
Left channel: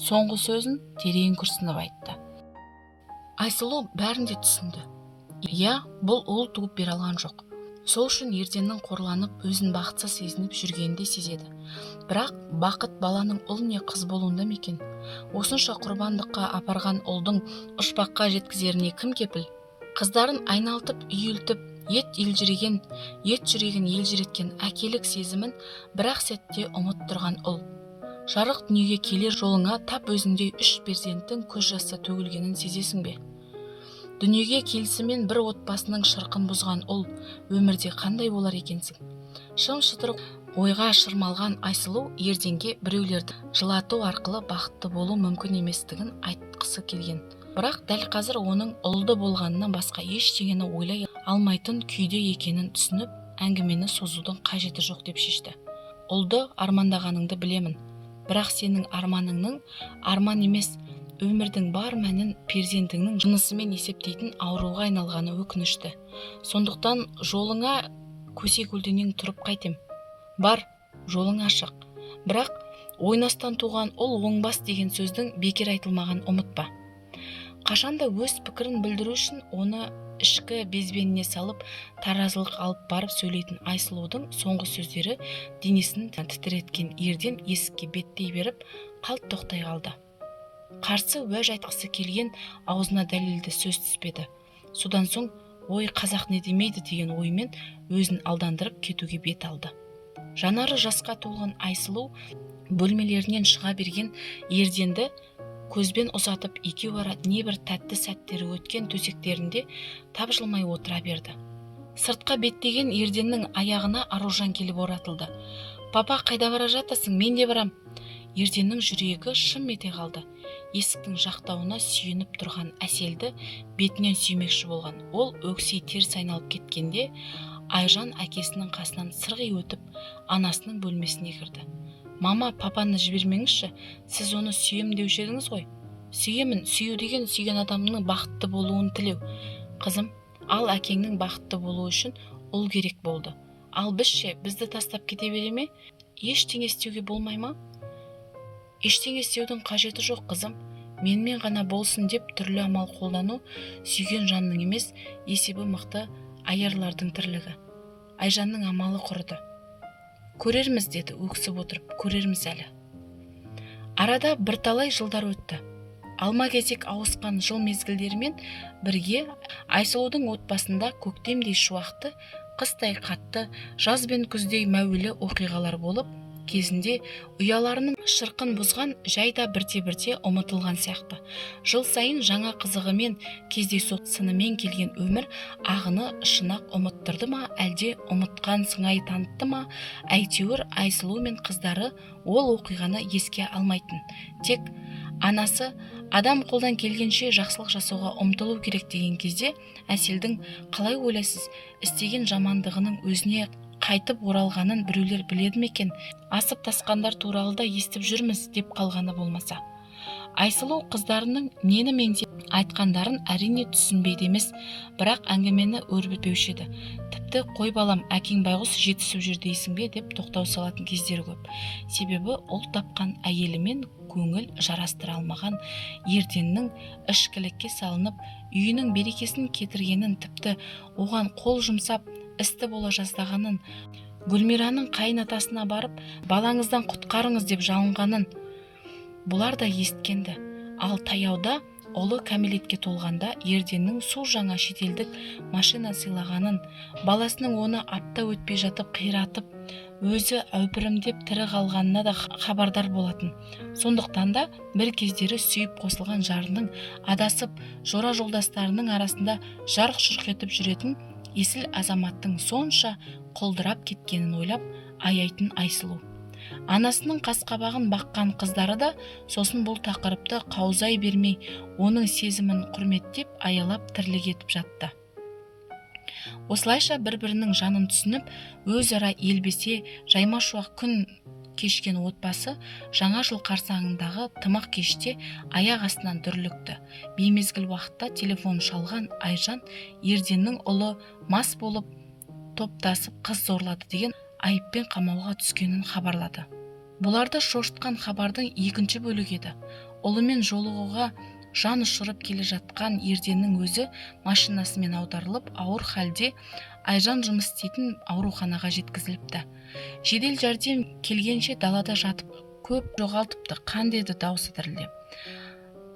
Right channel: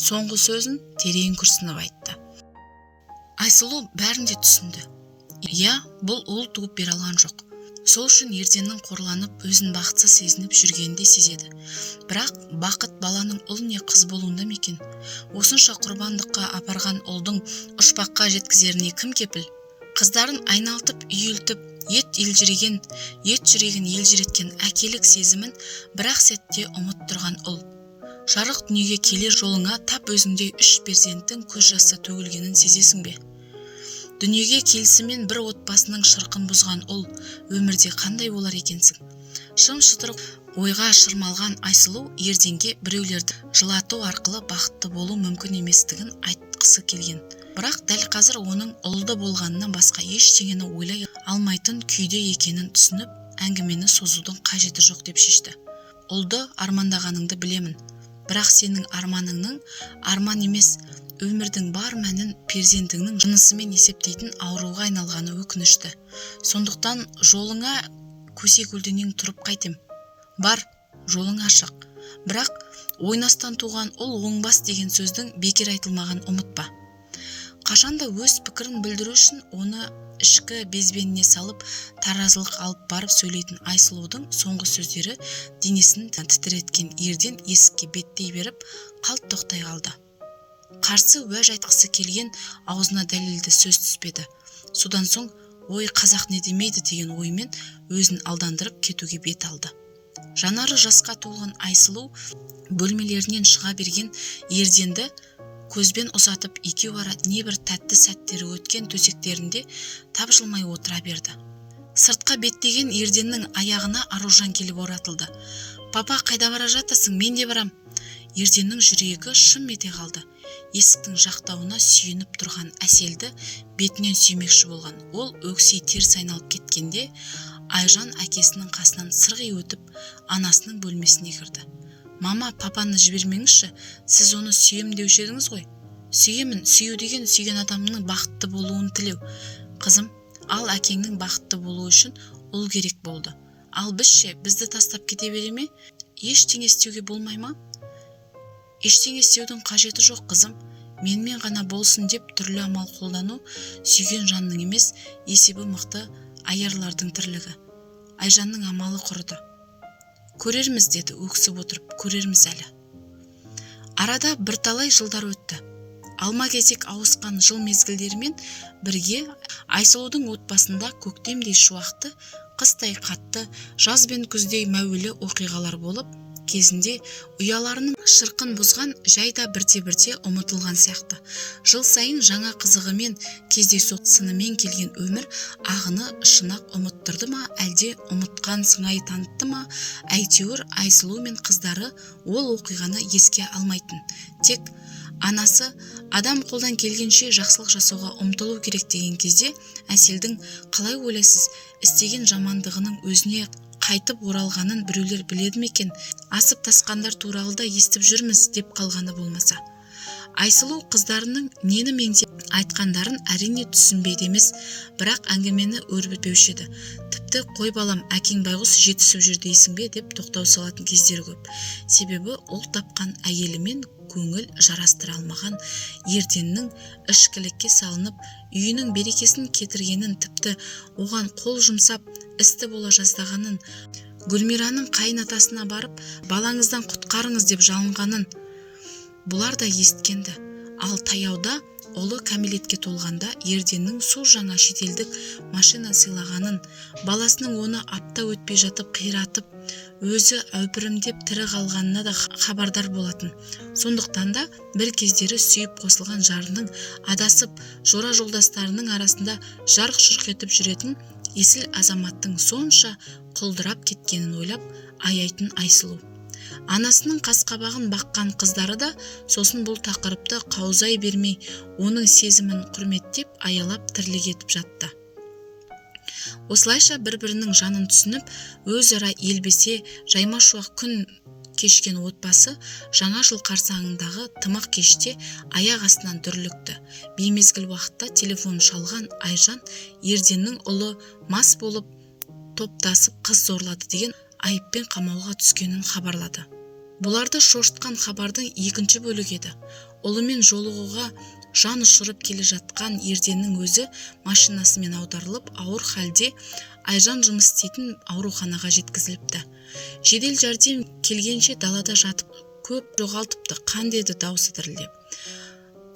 Соңғы сөзін терең күрсініп айтты. Айсұлу бәрін де түсінді. Иә, бұл ұл туып бере алған жоқ. Сол үшін Ерденнің қорланып, өзін бақытсыз сезініп жүргенін де сезеді. Бірақ бақыт баланың ұл не қыз болуында ма екен? Осынша құрбандыққа апарған ұлдың ұшпаққа жеткізеріне кім кепіл? Қыздарын айналтып, үйілтіп, ет жүрегін елжіреткен әкелік сезімін бір-ақ сәтте ұмыт тұрған ұл. Жарық дүниеге келер жолыңа тап өзіңдей 3 перзенттің көз жасы төгілгенін сезесің бе? Дүниеге келісімен бір отбасының шырқын бұзған ұл өмірде қандай болар екенсің? Шым-шытыр ойға шырмалған Айсұлу Ерденге біреулерді жылату арқылы бақытты болу мүмкін еместігін айтқысы келген. Бірақ дәл қазір оның ұлды болғанынан басқа ештеңені ойлай алмайтын күйде екенін түсініп, әңгімені созудың қажеті жоқ деп шешті. Ұлды армандағаныңды білемін, бірақ сенің арманыңның арман емес, өмірдің бар мәнін перзентіңнің жынысымен есептейтін ауруға айналғаны өкінішті. Сондықтан жолыңа көсе-көлденең тұрып қайтем. Бар, жолың ашық. Бірақ ойнастан туған ұл оңбас деген сөздің бекер айтылмаған ұмытпа. Қашанда өз пікірін білдіру үшін оны ішкі безбеніне салып, таразылық алып барып сөйлейтін Айсұлудың соңғы сөздері денесін тітіреткен Ерден есікке беттей беріп, қалт тоқтай қалды. Қарсы уәж айтқысы келген аузына дәлелді сөз түспеді. Содан соң, ой, қазақ не демейді деген оймен өзін алдандырып кетуге бет алды. Жанары жасқа толған Айсұлу бөлмелерінен шыға берген Ерденді көзбен ұзатып екеуара небір тәтті сәттері өткен төсектерінде тапжылмай отыра берді. Сыртқа беттеген Ерденнің аяғына Аружан келіп оратылды. Папа, қайда бара жатасың? Мен де барам. Ерденнің жүрегі шым ете қалды. Есіктің жақтауына сүйеніп тұрған Әселді бетінен сүймекші болған. Ол өксей теріс айналып кеткенде, Айжан әкесінің қасынан сырғи өтіп, анасының бөлмесіне кірді. Мама, папаны жібермеңізші, сіз оны сүйем деуші едіңіз ғой. Сүйемін, сүю деген сүйген адамның бақытты болуын тілеу. Қызым, ал әкеңнің бақытты болуы үшін ұл керек болды. Ал бізше, бізді тастап кете бере ме? Ештеңе істеуге болмай ма? Ештеңе істеудің қажеті жоқ, қызым. Менімен ғана болсын деп түрлі амал қолдану сүйген жанның емес, есебі мықты аярлардың тірлігі. Айжанның амалы құрыды. Көрерміз, деді өксіп отырып, көрерміз әлі. Арада бірталай жылдар өтті. Алма-кезек ауысқан жыл мезгілдерімен бірге Айсұлудың отбасында көктемдей шуақты, қыстай қатты, жаз бен күздей мәуелі оқиғалар болып, кезінде ұяларының шырқын бұзған жайда бірте-бірте ұмытылған сияқты. Жыл сайын жаңа қызығымен, кездейсоқ сынымен келген өмір ағыны шынақ ұмыттырды ма, әлде ұмытқан сыңай танытты ма? Әйтеуір Айсұлу мен қыздары ол оқиғаны еске алмайтын. Тек анасы адам қолдан келгенше жақсылық жасауға ұмтылу керек деген кезде Әселдің қалай ойлайсыз, істеген жамандығының өзіне қайтып оралғанын біреулер біледі ме екен? Асып тасқандар туралы да естіп жүрміз деп қалғаны болмаса. Айсұлу қыздарының нені меңзеп айтқандарын әрине түсінбейді емес, бірақ әңгімені өрбітпеуші еді. Тіпті қой балам, әкең байғұс жетісіп жүр дейсің бе деп тоқтау салатын кездері көп. Себебі ұл тапқан әйелімен көңіл жарастыра алмаған Ерденнің ішкілікке салынып, үйінің берекесін кетіргенін, тіпті оған қол жұмсап, істі бола жаздағанын, Гүлмираның қайынатасына барып, балаңыздан құтқарыңыз деп жалынғанын бұлар да естігенді. Ал таяуда ұлы кәмелетке толғанда Ерденнің су жаңа шетелдік машина сыйлағанын, баласының оны апта өтпей жатып қиратып, өзі әупірімдеп тірі қалғанына да хабардар болатын. Сондықтан да бір кездері сүйіп қосылған жарының адасып, жора жолдастарының арасында жарқ-жұрқ етіп жүретін есіл азаматтың сонша құлдырап кеткенін ойлап аяйтын Айсұлу. Анасының қас-қабағын баққан қыздары да сосын бұл тақырыпты қаузай бермей, оның сезімін құрметтеп, аялап тірлік етіп жатты. Осылайша бір-бірінің жанын түсініп, өзара елбесе жайма-шуақ күн кешкен отбасы жаңа жыл қарсаңындағы тымақ кеште аяқ астынан дүрлікті. Беймезгіл уақытта телефон шалған Айжан Ерденнің ұлы мас болып топтасып қыз зорлады деген айыппен қамауға түскенін хабарлады. Бұларды шошытқан хабардың екінші бөлігі еді. Ұлымен жолығуға жан ұшырып келе жатқан Ерденнің өзі машинасымен аударылып, ауыр халде Айжан жұмыс істейтін ауруханаға жеткізіліпті. Жедел жәрдем келгенше далада жатып, көп жоғалтыпты, қан деді даусы дірілдеп.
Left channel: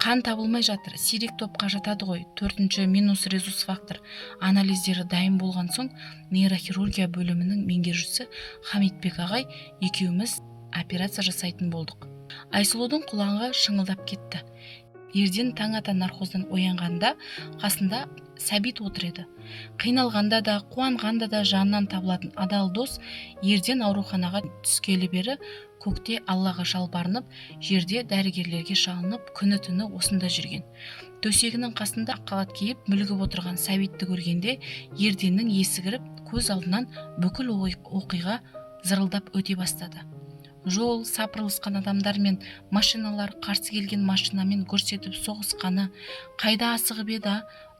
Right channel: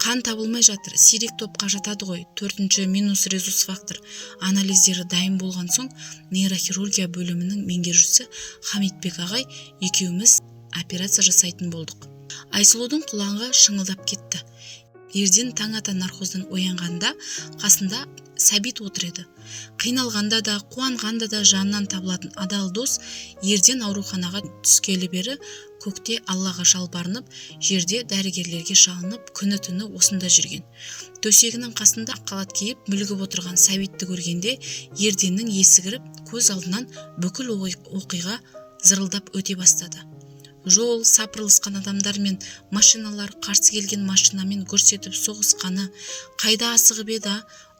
Қан табылмай жатыр, сирек топқа жатады ғой. 4-ші минус резус фактор анализдері дайын болған соң, нейрохирургия бөлімінің меңгерушісі Хамитбек ағай екеуміз операция жасайтын болдық. Айсұлудың құлағы шыңылдап кетті. Ерден таң ата наркоздан оянғанда қасында Сәбит отыр еді. Қиналғанда да, қуанғанда да жанынан табылатын адал дос Ерден ауруханаға түскелі бері көкте Аллаға жалбарынып, жерде дәрігерлерге шалынып, күні-түні осында жүрген. Төсегінің қасында қалат киіп, мүлгіп отырған Сәбитті көргенде Ерденнің есі кіріп, көз алдынан бүкіл оқиға зырылдап өте бастады. Жол, сапырылысқан адамдар мен машиналар, қарсы келген машинамен көрсетіп соғысқаны, қайда асығып еді,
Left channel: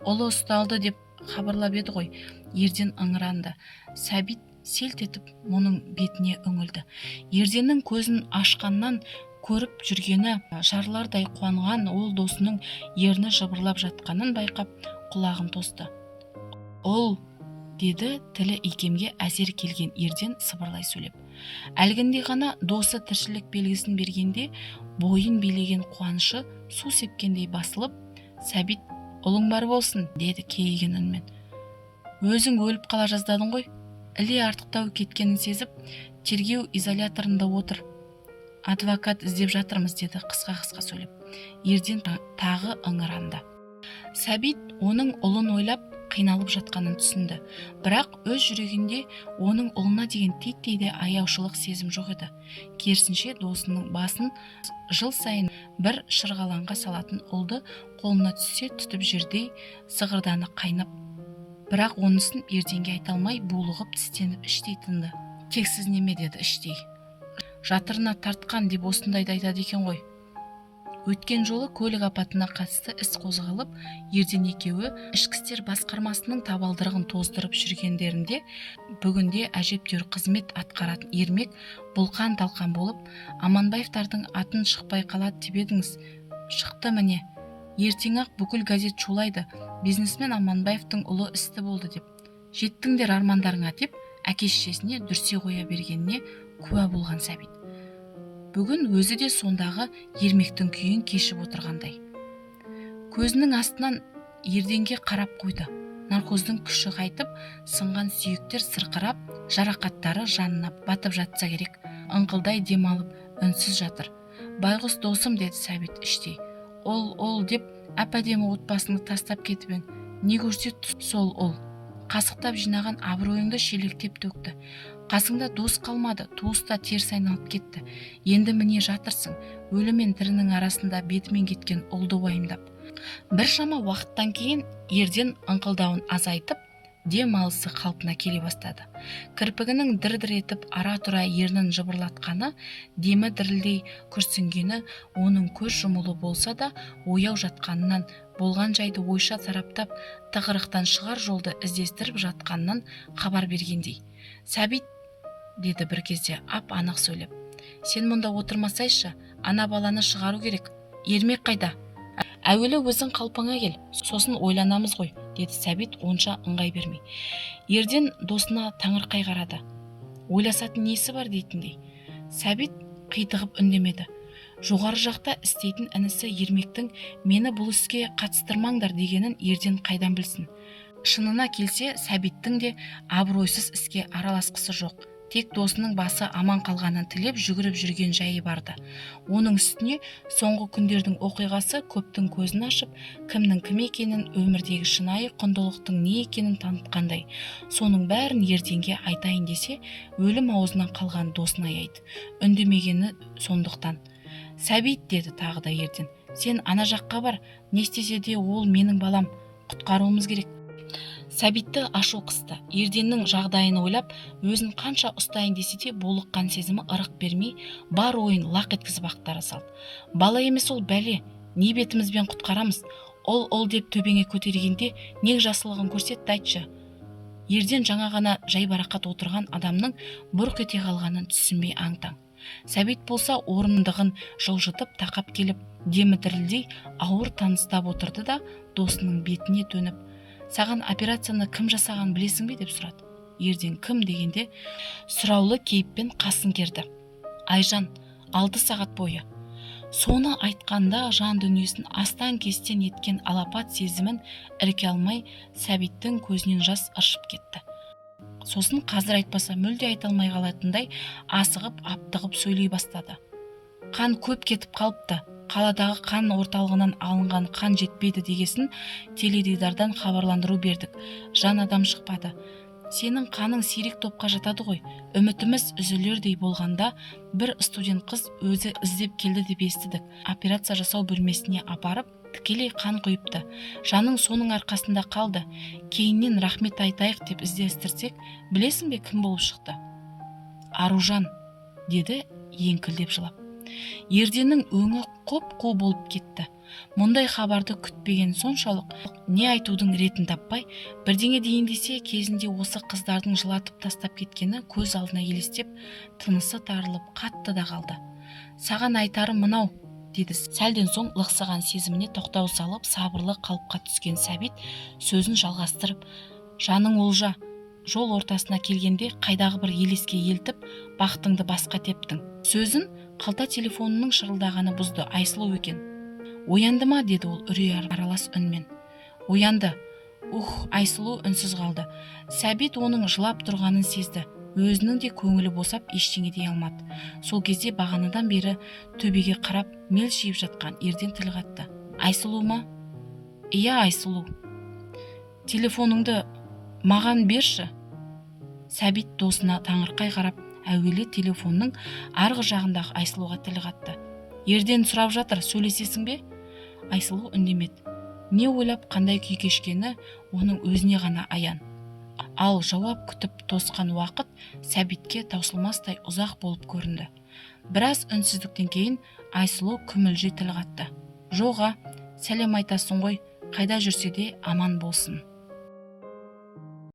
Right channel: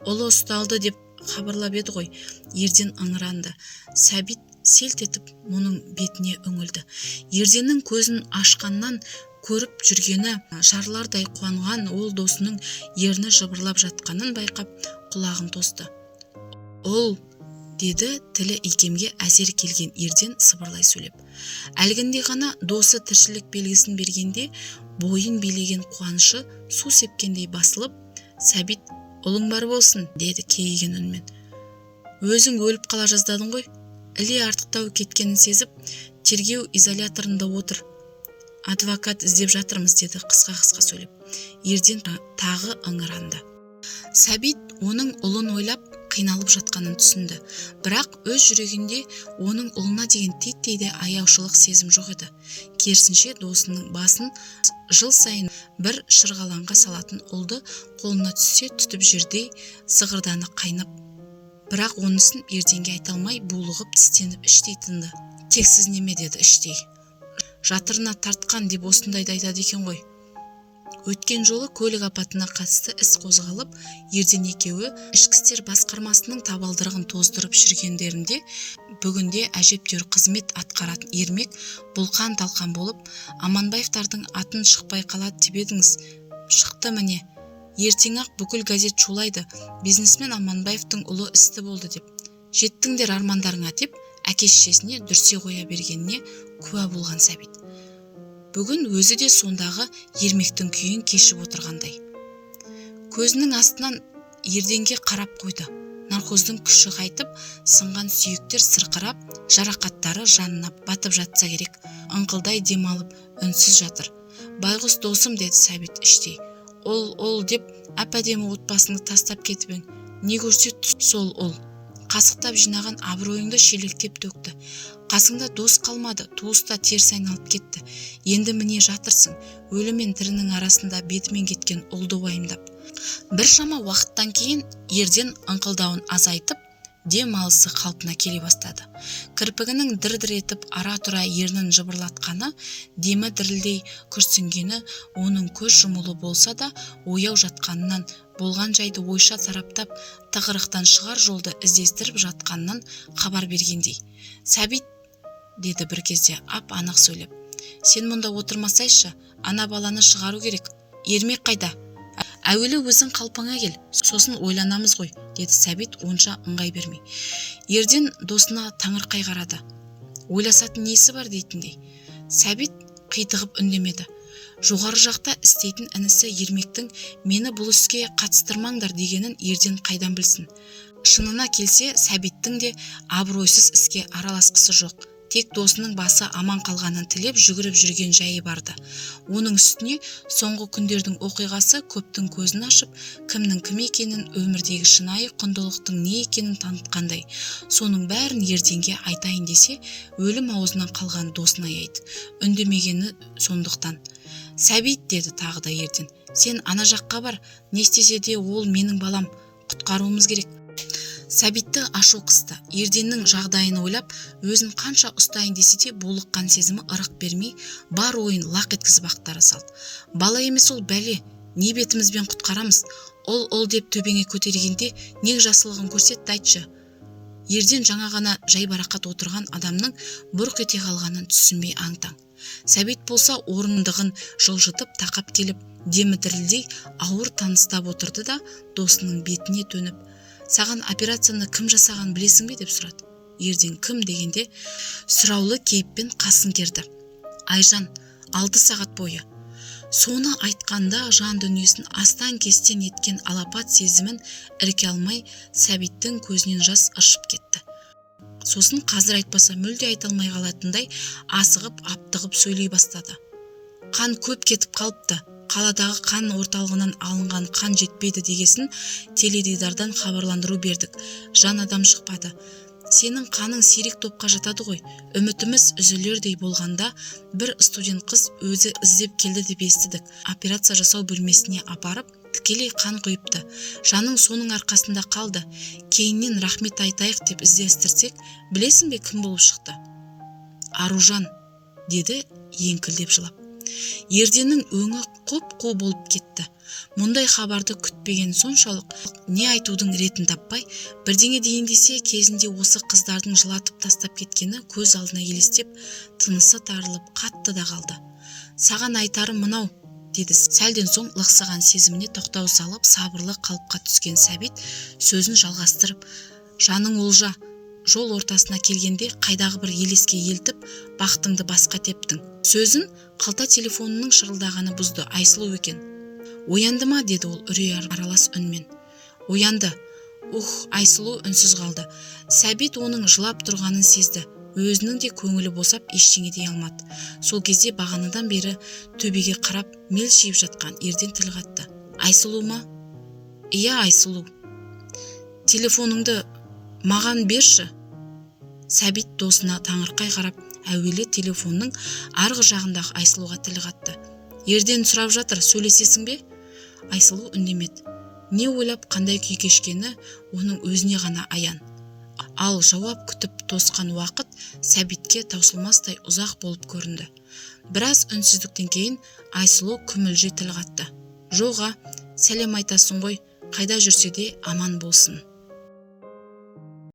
ұлы ұсталды деп хабарлап еді ғой. Ерден ыңыранды. Сәбит селт етіп мұның бетіне үңілді. Ерденнің көзін ашқаннан көріп жүргені жарлардай қуанған ол досының ерні жыбырлап жатқанын байқап құлағын тосты. Ол деді тілі икемге әсер келген Ерден сыбырлай сөйлеп. Әлгінде ғана досы тіршілік белгісін бергенде бойын билеген қуанышы су сепкендей басылып, Сәбит, ұлың бар болсын, деді кейіген үнмен. Өзің өліп қала жаздадың ғой. Іле артықтау кеткенін сезіп, тергеу изоляторында отыр. Адвокат іздеп жатырмыз, деді қысқа-қысқа сөйлеп. Ерден тағы ыңыранды. Сәбит оның ұлын ойлап қиналып жатқанын түсінді. Бірақ өз жүрегінде оның ұлына деген титтей де аяушылық сезім жоқ еді. Керісінше досының басын жыл сайын бір шырғалаңға салатын ұлды қолына түссе түтіп жердей сығырданы қайнап. Бірақ онысын Ерденге айта алмай булығып тістеніп іштей тынды. Тексіз неме, деді іштей. Жатырына тартқан деп осындайды айтады екен ғой. Өткен жолы көлік апатына қатысты іс қозғалып, Ерден екеуі ішкі істер басқармасының табалдырығын тоздырып жүргендерінде, бүгінде әжептәуір қызмет атқаратын ермек бұлқан-талқан болып, Аманбаевтардың атын шықпай қалады деп едіңіз. Шықты міне. Ертең-ақ бүкіл газет шулайды. Бизнесмен Аманбаевтың ұлы істі болды деп. Жеттіңдер армандарыңа деп, әке-шешесіне дүрсе қоя бергеніне куә болған Сәбит. Бүгін өзі де сондағы ермектің күйін кешіп отырғандай. Көзінің астынан Ерденге қарап қойды. Наркоздың күші қайтып, сынған сүйектер сырқырап, жарақаттары жанына батып жатса керек. Ыңқылдай демалып, үнсіз жатыр. Байғұс досым, деді Сәбит іштей. Ол деп әп-әдемі отбасыңды тастап кетіп ең. Не көрсет сол ол. Қасықтап жинаған абыройыңды шелектеп төкті. Қасыңда дос қалмады, туыста теріс айналып кетті. Енді міне жатырсың, өлі мен тірінің арасында бетімен кеткен ұлды уайымдап. Бір шама уақыттан кейін Ерден ыңқылдауын азайтып, дем алысы қалпына келе бастады. Кірпігінің дір-дір етіп ара-тұра ернін жыбырлатқаны, демі дірілдей күрсінгені оның көз жұмулы болса да ояу жатқанынан, болған жайды ойша тараптап, тығырықтан шығар жолды іздестіріп жатқанынан хабар бергендей. Сәбит, деді бір кезде ап-анық сөйлеп. Сен мұнда отырмасайшы, ана баланы шығару керек. Ермек қайда? Әуелі өзің қалпыңа кел, сосын ойланамыз ғой, деді Сәбит онша ыңғай бермей. Ерден досына таңырқай қарады. Ойласатын несі бар дейтіндей. Сәбит қитығып үндемеді. Жоғары жақта істейтін інісі Ермектің мені бұл іске қатыстырмаңдар дегенін Ерден қайдан білсін. Шынына келсе, Сәбиттің де абыройсыз іске араласқысы жоқ. Тек досының басы аман қалғанын тілеп жүгіріп жүрген жайы барды. Оның үстіне соңғы күндердің оқиғасы көптің көзін ашып, кімнің кім екенін, өмірдегі шынайы құндылықтың не екенін танытқандай. Соның бәрін Ерденге айтайын десе, өлім аузынан қалған досын аяйды. Үндемегені сондықтан. Сәбит, деді тағы да Ерден, сен ана жаққа бар, не істесе де ол менің балам, құтқаруымыз керек. Сәбитті ашу қысты. Ерденнің жағдайын ойлап, өзін қанша ұстайын десе де булыққан сезімі ырық бермей, бар ойын лақ еткізіп ақтара салды. Бала емес ол, бәле, не бетімізбен құтқарамыз? Ол деп төбеңе көтергенде нег жасылығын көрсетті, айтшы. Ерден жаңа ғана жайбарақат отырған адамның бұрқ ете қалғанын түсінбей аң-таң. Сәбит болса орындығын жылжытып тақап келіп, демі дірілдей ауыр таныстап отырды да досының бетіне төніп, саған операцияны кім жасаған білесің бе деп сұрады. Ерден кім дегенде сұраулы кейіппен қасын керді. Айжан, 6 сағат бойы. Соны айтқанда жан дүниесін астан-кестен еткен алапат сезімін ірке алмай, Сәбиттің көзінен жас ыршып кетті. Сосын қазір айтпаса мүлде айта алмай қалатындай асығып, аптығып сөйлей бастады. Қан көп кетіп қалыпты. Қаладағы қан орталығынан алынған қан жетпейді дегесін теледидардан хабарландыру бердік. Жан адам шықпады. Сенің қаның сирек топқа жатады ғой. Үмітіміз үзілердей болғанда бір студент қыз өзі іздеп келді деп естідік. Операция жасау бөлмесіне апарып, тікелей қан құйыпты. Жаның соның арқасында қалды. Кейіннен рахмет айтайық деп іздестірсек, білесің бе кім болып шықты? Аружан, деді еңкілдеп жылап. Ерденнің өңі қоп-қу болып кетті. Мұндай хабарды күтпеген соншалық не айтудың ретін таппай, бірдеңе дейін десе кезінде осы қыздардың жылатып тастап кеткені көз алдына елестеп, тынысы тарылып қатты да қалды. Саған айтарым мынау, деді сәлден соң лықсыған сезіміне тоқтау салып сабырлы қалыпқа түскен Сәбит сөзін жалғастырып, жаның олжа, жол ортасына келгенде қайдағы бір елеске елтіп, бақтыңды басқа тептің. Сөзін қалта телефонының шырылдағаны бұзды. Айсұлу екен. Оянды ма, деді ол үрей аралас үнмен. Оянды. Айсұлу үнсіз қалды. Сәбит оның жылап тұрғанын сезді. Өзінің де көңілі босап ештеңе дей алмады. Сол кезде бағанадан бері төбеге қарап мелшиіп жатқан Ерден тіл қатты. Айсұлу ма? Иә, Айсұлу. Телефоныңды маған берші. Сәбит досына таңырқай қарап, әуелі телефонның арғы жағындағы Айсұлуға тіл қатты. Ерден сұрап жатыр, сөйлесесің бе? Айсұлу үндемеді. Не ойлап қандай күй кешкені оның өзіне ғана аян. Ал жауап күтіп тосқан уақыт Сәбитке таусылмастай ұзақ болып көрінді. Біраз үнсіздіктен кейін Айсұлу күмілжи тіл қатты. Жоға, сәлем айтасың ғой, қайда жүрсе де аман болсын.